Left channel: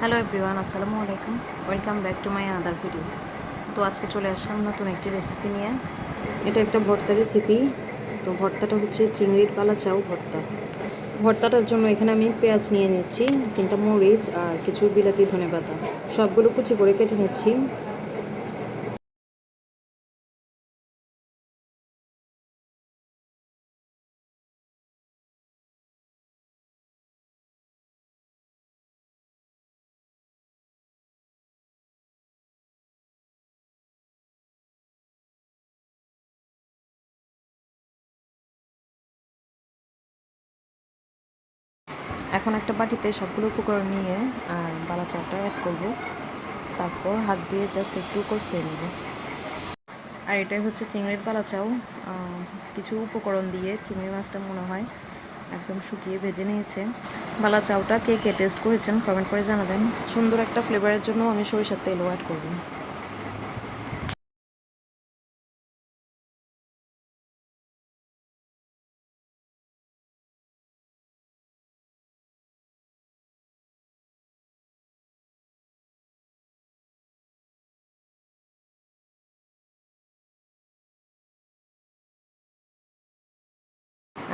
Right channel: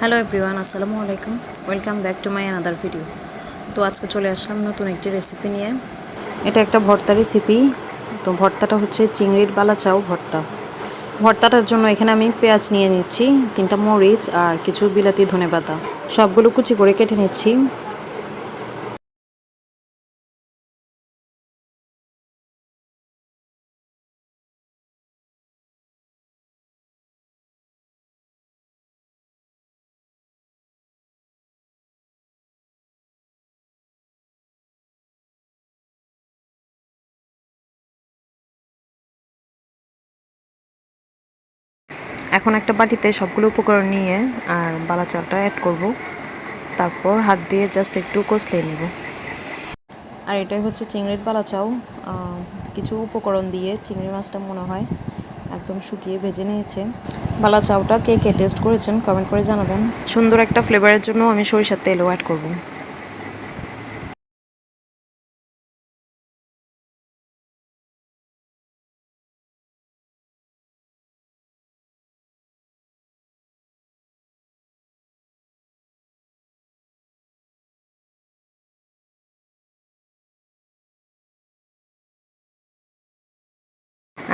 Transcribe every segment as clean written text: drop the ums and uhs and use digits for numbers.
Hello everyone, আসসালামু আলাইকুম। Welcome back to my another video. তো আজকে চলে আসলাম নতুন একটি রেসিপি নিয়ে। এটা একটা ভর্তা রেসিপি। তো ভর্তাটা হচ্ছে চিংড়ির বালাচাও ভর্তা। ভর্তাটার জন্য এখানে আমি পেঁয়াজ নিয়ে নিচ্ছি, 3টা মরিচ আর কিছু বিলাতি ধনেপাতা, সবগুলো কুচি করে কেটে নিচ্ছি। এখন একটা বাটিতে সবগুলো উপকরণ নিয়ে আর বালাচাওটা অ্যাড করব। তারপর হাত দিয়ে জাস্ট একটু কষলে নেব। আর এটাই হচ্ছে চিংড়ির বালাচাও। কিছু উপকরণ দিয়ে চিংড়ি মাছটা মনে হয় একদম শুকিয়ে ভেজে নিয়েছে। বালাচাওটা কে কে টেস্ট করেছেন কমেন্ট করে জানাবেন। সুন্দর একটা ফ্লেভারের জন্য আমি সরিষার তেলও অ্যাড করব।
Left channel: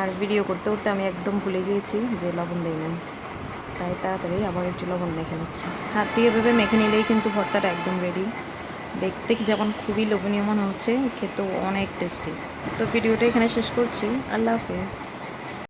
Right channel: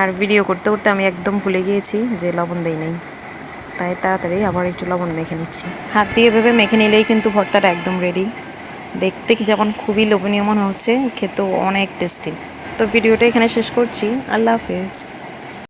আর ভিডিও করতে করতে আমি একদম ভুলে গিয়েছি যে লবণ দেই নাই, তাই তাড়াতাড়ি আবার একটু লবণ মেখে নিচ্ছি। হাত দিয়ে ভেবে মেখে নিলেই কিন্তু ভর্তাটা একদম রেডি। দেখতে যেমন খুবই লোভনীয় মনে হচ্ছে, খেতেও অনেক টেস্টি। তো ভিডিওটা এখানে শেষ করছি। আল্লাহ হাফেজ।